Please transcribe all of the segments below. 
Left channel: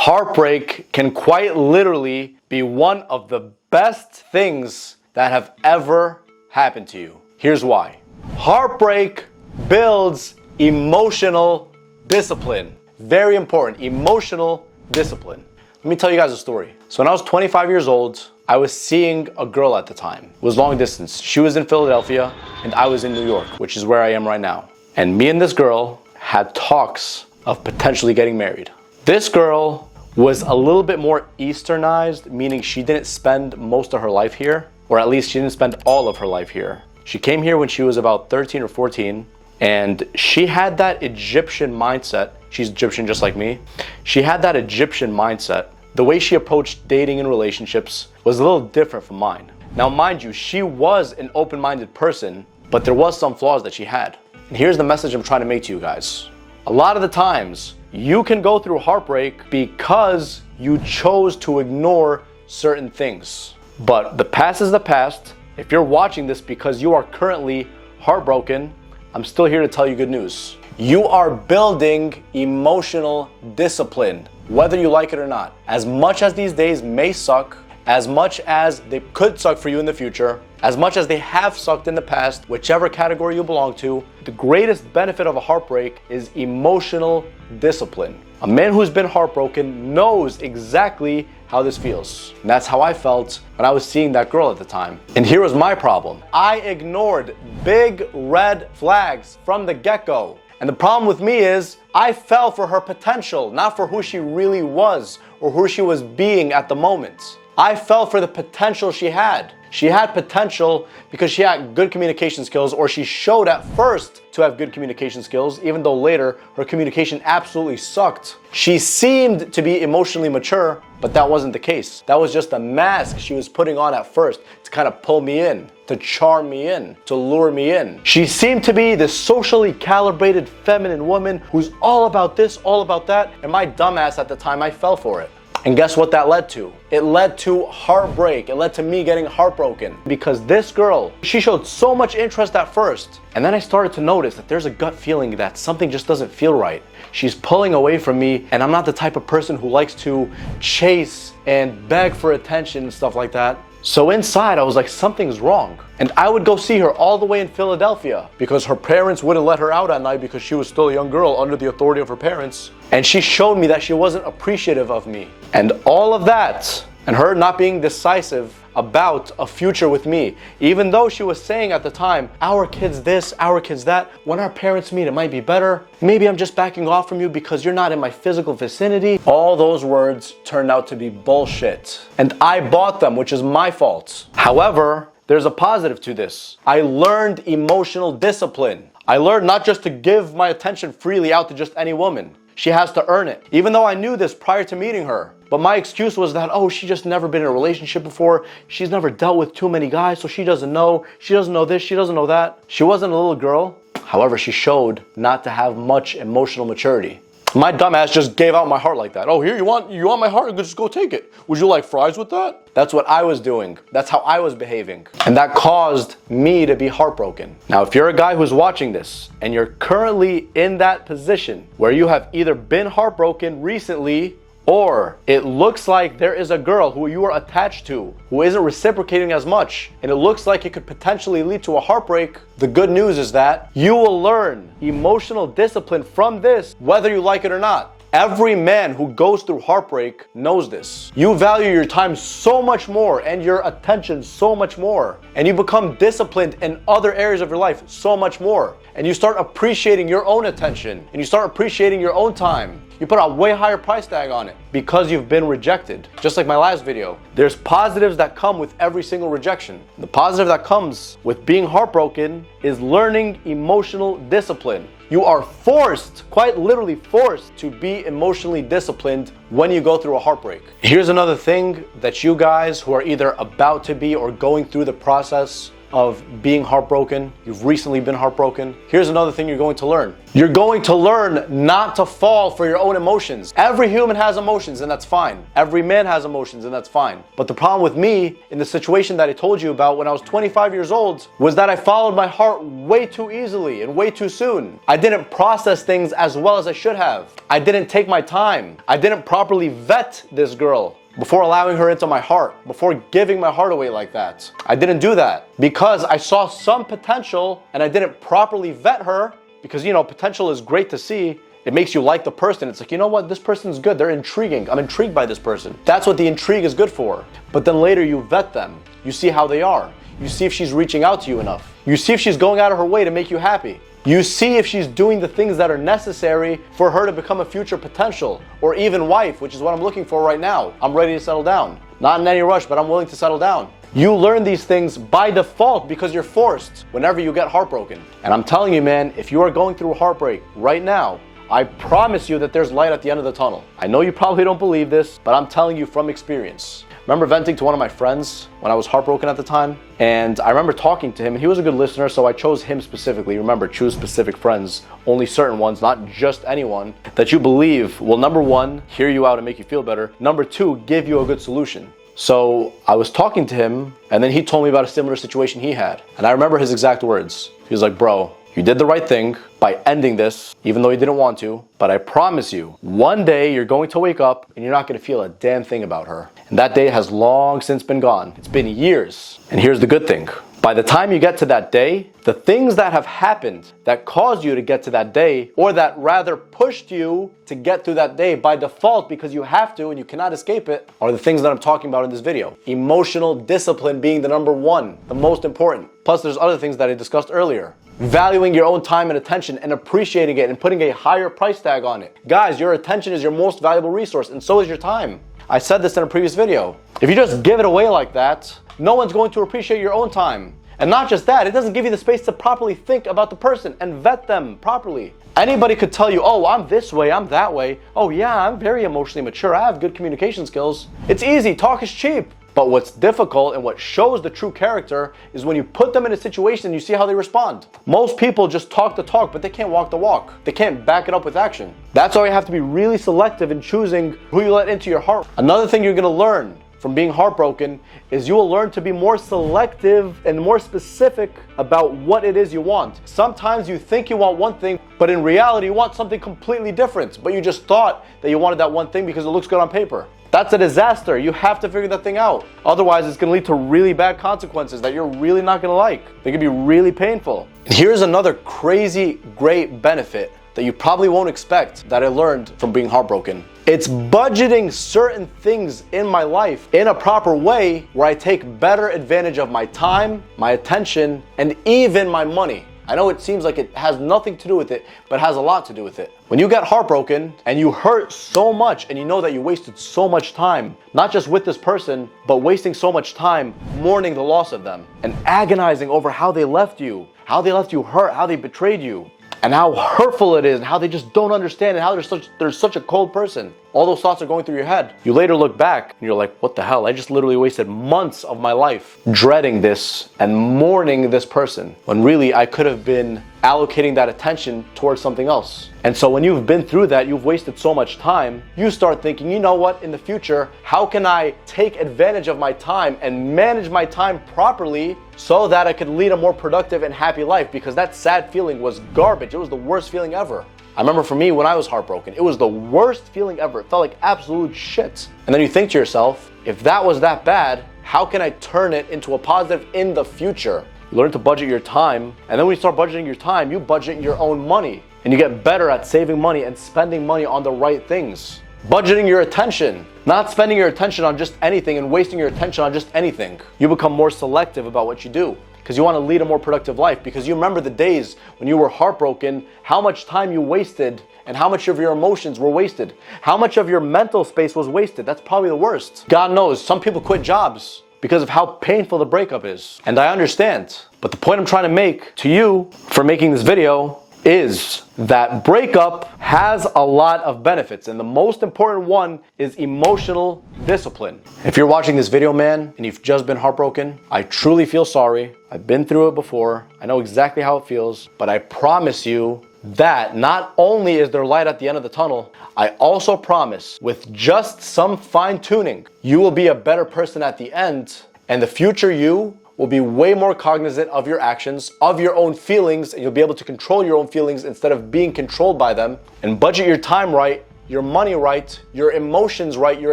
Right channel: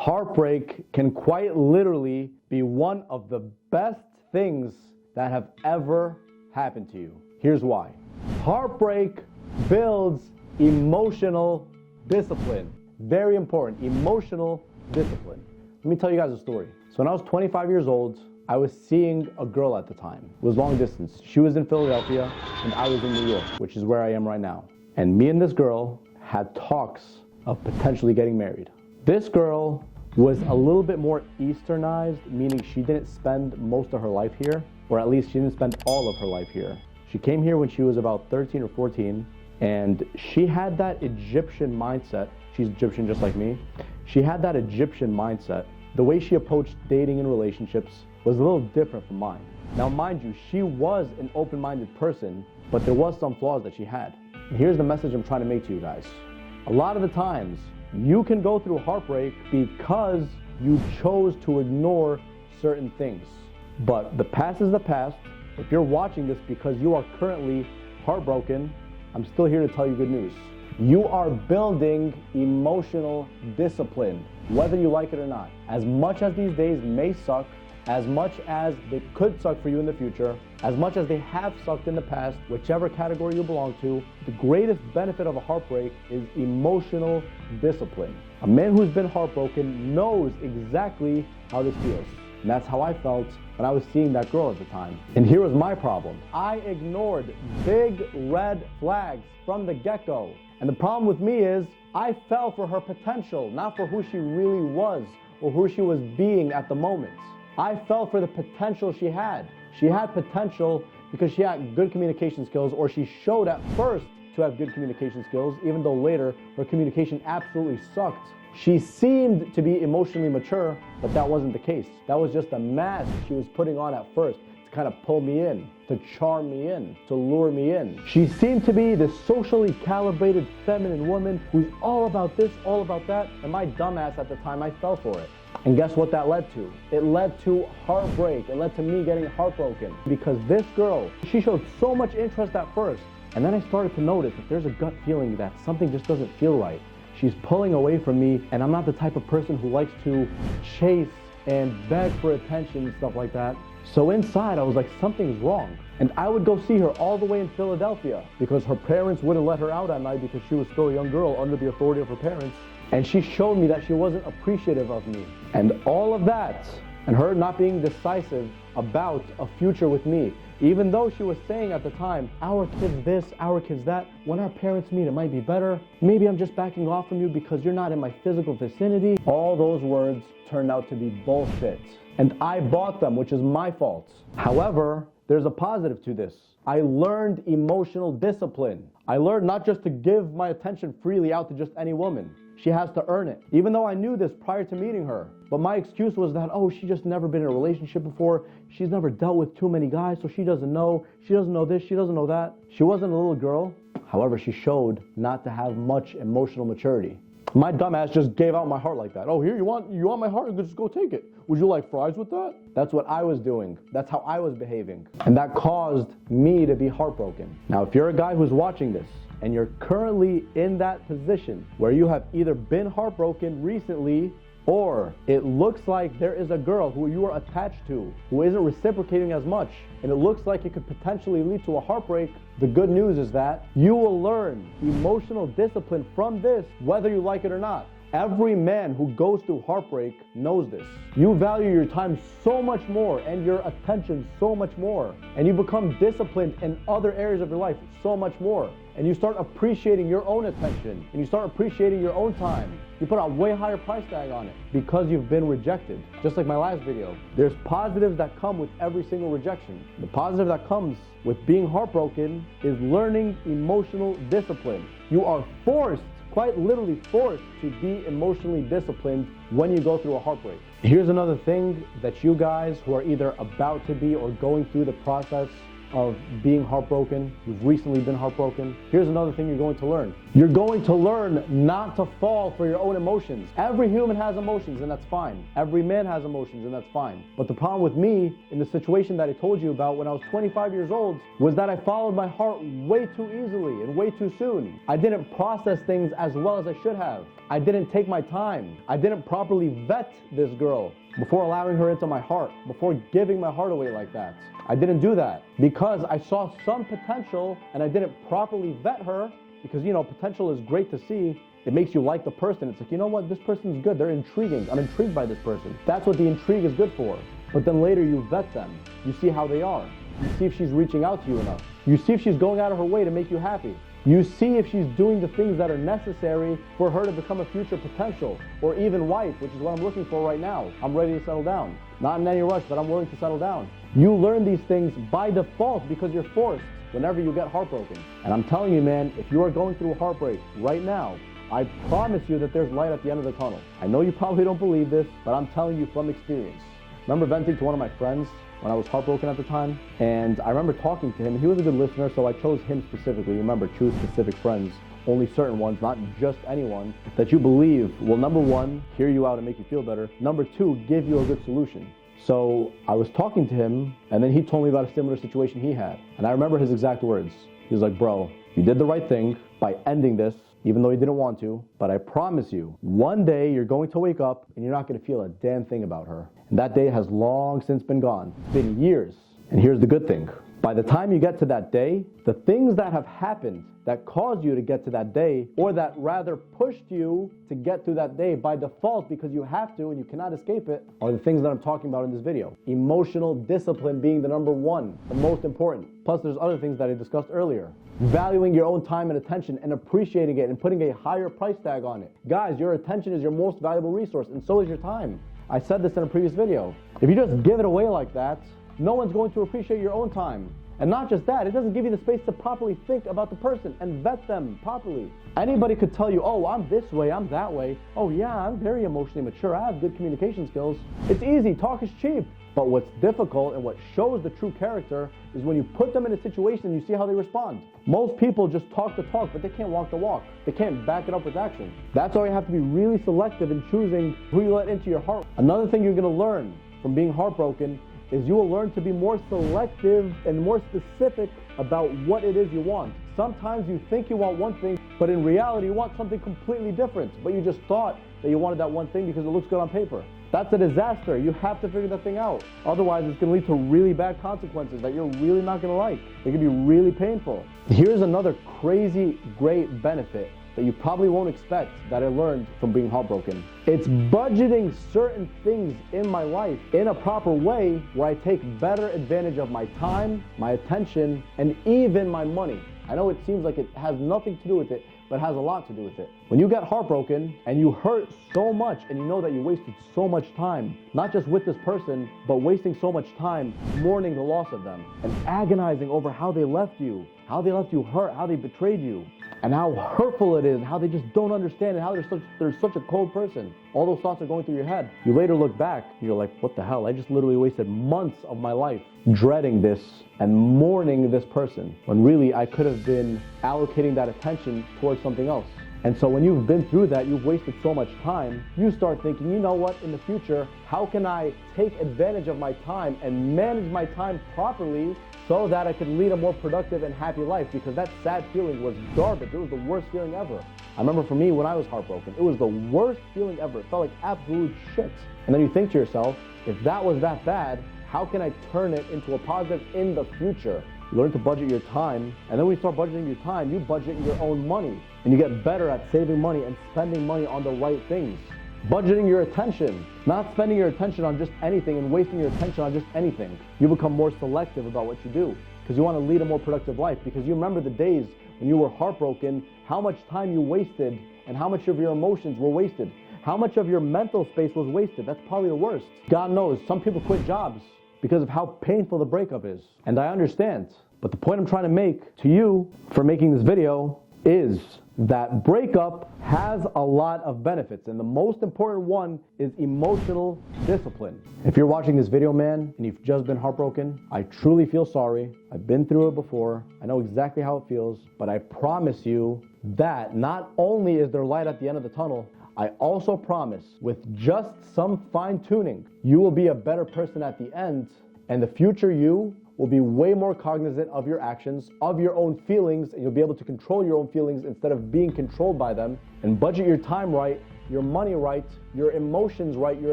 heartbreak can quite literally be one of the best things that have ever happened to you. Here's why. Heartbreak builds emotional discipline. Very important, emotional discipline. Let me tell you guys a story. So when I was 25 years old, I was seeing a girl at the time. It was long distance. She was in Philadelphia and I was in New York, which is where I am right now. And me and this girl had talks of potentially getting married. This girl was a little bit more Easternized, meaning she didn't spend most of her life here, or at least she didn't spend all of her life here. She came here when she was about 13 or 14, and she had that Egyptian mindset. She's Egyptian just like me. She had that Egyptian mindset. The way she approached dating and relationships was a little different from mine. Now, mind you, she was an open-minded person, but there was some flaws that she had. And here's the message I'm trying to make to you guys. A lot of the times, you can go through heartbreak because you chose to ignore certain things. But the past is the past. If you're watching this because you are currently heartbroken, I'm still here to tell you good news. You are building emotional discipline, whether you like it or not. As much as these days may suck, as much as they could suck for you in the future, as much as they have sucked in the past, whichever category you belong to, the greatest benefit of a heartbreak is emotional discipline. A man who's been heartbroken knows exactly how this feels. And that's how I felt when I was seeing that girl at the time. And here was my problem. I ignored big red flags from the get-go. And the problem with me is I fell for her potential, not for who she really was or who she was being at the moment. I fell for the potential she had. She had potential because she had good communication skills, or she showed at first to have good communication skills, even though later her communication absolutely sucked. She seemed to be emotionally mature, but that wasn't the case. That was just a mask she was putting on at first to kind of pull me in, to charm me in, to lure me in. She seemed to be this socially calibrated feminine woman who's all about this, all about that, and my dumbass at the time, I fell for it. And guess what that led to? It led to heartbreak. It led to me getting heartbroken because this girl, she showed so much interest at first. And then I started to notice that there's a gut feeling that something just doesn't feel right. She's pulling away from me, and I'm not the type of person who likes to chase and beg for attention and stuff like that. So inside, I was like, something's wrong. And I would go see her all the way in Philadelphia because her parents wouldn't let her out at night because she was still a young girl under the authority of her parents. And she showed me that she wasn't appreciative of me. And all of that, and her not being decisive about a future with me, even though she was saying at the time, our kid's this, our kid's that, when our parents meet, it might be better. Maybe I'm just backing off from you because you're not in my physical vicinity. All those words turned out to be bullshit. And I bought them, which is my fault. However, there's a positive to this. I learned emotional discipline. I learned not just to give my attention freely out to just any woman. She has to earn it. Even though I knew this prior to meeting her. But my excuse was that, oh, she just never been in a relationship before. She's never dealt with too many guys, so she doesn't know. She doesn't know this, she doesn't know that. She wasn't a little girl. However, she showed not to have much emotional maturity. My dumbass just gave out my heart like that. Oh, here, you want my heart? Just go take it. Would you like fries with that? That's what I was doing. That's how I was behaving. And that caused me to be heartbroken. Now, if you're a guy who's watching this and you're currently in that position where you have either been heartbroken recently, or it looks like there is a girl who you are attached to who isn't reciprocating as much, and it looks like it could potentially lead to a heartbreak, the good news is that you will learn emotional discipline from this, whether you like it or not. Every man who goes through heartbreak knows this. You value your time so much more and your attention so much more. And you become disciplined in other areas of your life so much more. And you start appreciating your own attention. And you start appreciating your own time. You put a way higher price tag on it because you've been rejected. Just like my last video. There's positives that come with every single rejection. The positive that comes with being heartbroken is learning emotional discipline. You are forced, quite literally forced, to be emotionally disciplined when you go through a heartbreak. Here's another thing that you guys who are either about to be or going through the process of being heartbroken, you've recently been heartbroken, here's another thing you're going to learn. You're going to learn not to fall for your own emotions. Every human has emotions, and that's fine. Every man has emotions, and that's fine. But the problem with me in the situation that I told you about when I was 25 years old was that I followed my heart way too easily and way too soon. I didn't process things as well as I should have. I didn't take my time. I didn't properly vet this girl before allowing her into my heart, before giving my heart away like that. I didn't do that because I saw some potential and I didn't properly vet her, because, you know, potential is great to see. It makes you like the person. It's like, you know what, this person's good. They're intriguing. I'm intrigued by this person. That's what the intrigue is good for. But then later you vet them. You see how they are. You see if she's reaching out to you enough. You see if she's going out of her way to make you happy. You see if she's doing the things that are necessary for her to become a future potential or even wife, which is what I'm looking for right now. I'm ready to settle down. Not in any rush, but I'm willing to settle down. You learn these things by default because you're forced whenever you get heartbroken. And I'm telling you, man, if you are going through heartbreak right now, I promise you that there's light at the end of the tunnel. I know you probably don't believe this, but I'm telling you from experience. Remember venting to one of my friends when I was heartbroken at the time? And I remember talking to him, and he was a good listener, so I chose him specifically. Remember, choose specific friends, only certain ones, not just anyone that you believe will, number one, hear you out and make you feel better. Number two, give you a good solution. So I was talking to him, and then he told me about a similar situation he had. And I remember his exact words. He was like, bro, you did the right thing by ending this, even though you didn't want to. But I promise you, one day you're going to wake up and you're not going to feel a damn thing about her. And that day has long since been gone. It's been years. And here's the good thing. By the time you get to that day, the things that have happened that caused you to get to that day, or that rather pushed you to get through that day by default because you have to and you cannot escape it, are the things that I'm talking about in this video. Emotional discipline being the number one, the most important. Plus there's other things that I discussed earlier. Valuing your own time and attention and appreciating it and putting a higher price tag on it. Guys, your attention is your most valuable resource, and so is your time. I said this in a previous video. If you just give it away like that, no one's going to appreciate your own time. And not just that, it doesn't give you the space to properly think about the person and vet them properly. Anybody could tell you, oh, I'm this way, I'm that way. Oh yeah, I'm very emotionally mature, I have good communication skills. It's easy, talk is cheap. But what's difficult and what shows the true character is when you put them in a situation and you see how they respond. Most people just talk the talk, but they can't walk the walk. They can't back it up with action. That's why you have to be really selective in choosing who you let into your heart. Another thing you're gonna learn from being heartbroken is you will learn to be more selective and more specific about what it is you want. Sometimes you think you want one thing, but in reality you want something completely different, but you just thought that you wanted that one thing because it looks good on paper. That's a disaster. You have to figure that thing out. Otherwise, it's gonna lead to really bad consequences that you're really not gonna like. They could be really painful. Here's another crazy, great benefit that you probably won't expect that I learned from being heartbroken. It's budgeting certain things in my life in a proper way where I take better advantage of my time, my attention, and even my money. I know it seems like it has nothing to do with it, but it has a lot to do with it. When you get heartbroken and you hurt so much and you know that you wasted so much time, not just with this person, but wasting so much time mourning the loss of them and agonizing over how they left you hurt, how they betrayed you, and how hurtful it is, and how they just don't understand, and how they're such a cold person. All those thoughts are going through your head. You later look back and you're like, what the hell? I just literally wasted months of my life dreading this and mourning this person, when really I could have been allocating that attention towards something else. And so when you've been through that, you've wasted so much time, you start thinking, you know what, in the future, how can I take advantage of my time and manage my time properly so that I could lead a more productive and happy life? Because that sad feeling was garbage. It was the worst feeling ever. I remember for me, when I was heartbroken, it was the worst feeling ever. It felt like absolute shit. And then you think to yourself, if that was that bad, how can I turn it into a positive in the future? You learn to budget your time, and then when you start budgeting your time, you budget your own money, and you get better at saving money and spending money on the right things. Budgeting your attention, not spending your attention on just anything and wasting your attention on just anything. You become more selective about what you do because you want to lead a more productive life, because you remember the days when you were heartbroken, how much time you wasted and how much of your emotions were wasted, how much of your mental space was wasted. That's probably the worst. God knows, some people quit jobs because of how painful the breakup is. And I understand. But the point I'm trying to make to you for making this video is that breakup has a lot of benefits, and the most important one is emotional discipline. If you're watching this video, man, and you've just been heartbroken, I truly feel sorry. I've been through it before. I know exactly how it feels, but I promise you that not only is there light at the end of the tunnel, I also promise with just some fine-tuning, you will be a better person at the end, and the future you will be way more cognizant of your actions, of your own feelings, and you'll be able to control your own feelings instead of being controlled by them, and budget your time right, your money right, your emotions right, your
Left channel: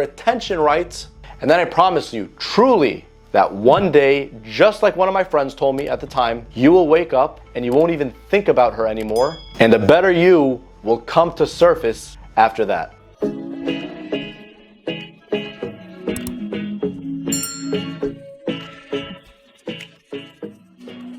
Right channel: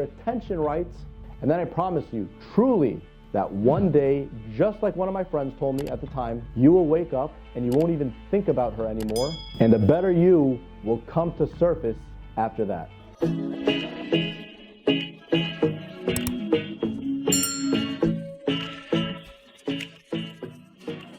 attention right. And then I promise you, truly, that one day, just like one of my friends told me at the time, you will wake up and you won't even think about her anymore, and a better you will come to surface after that.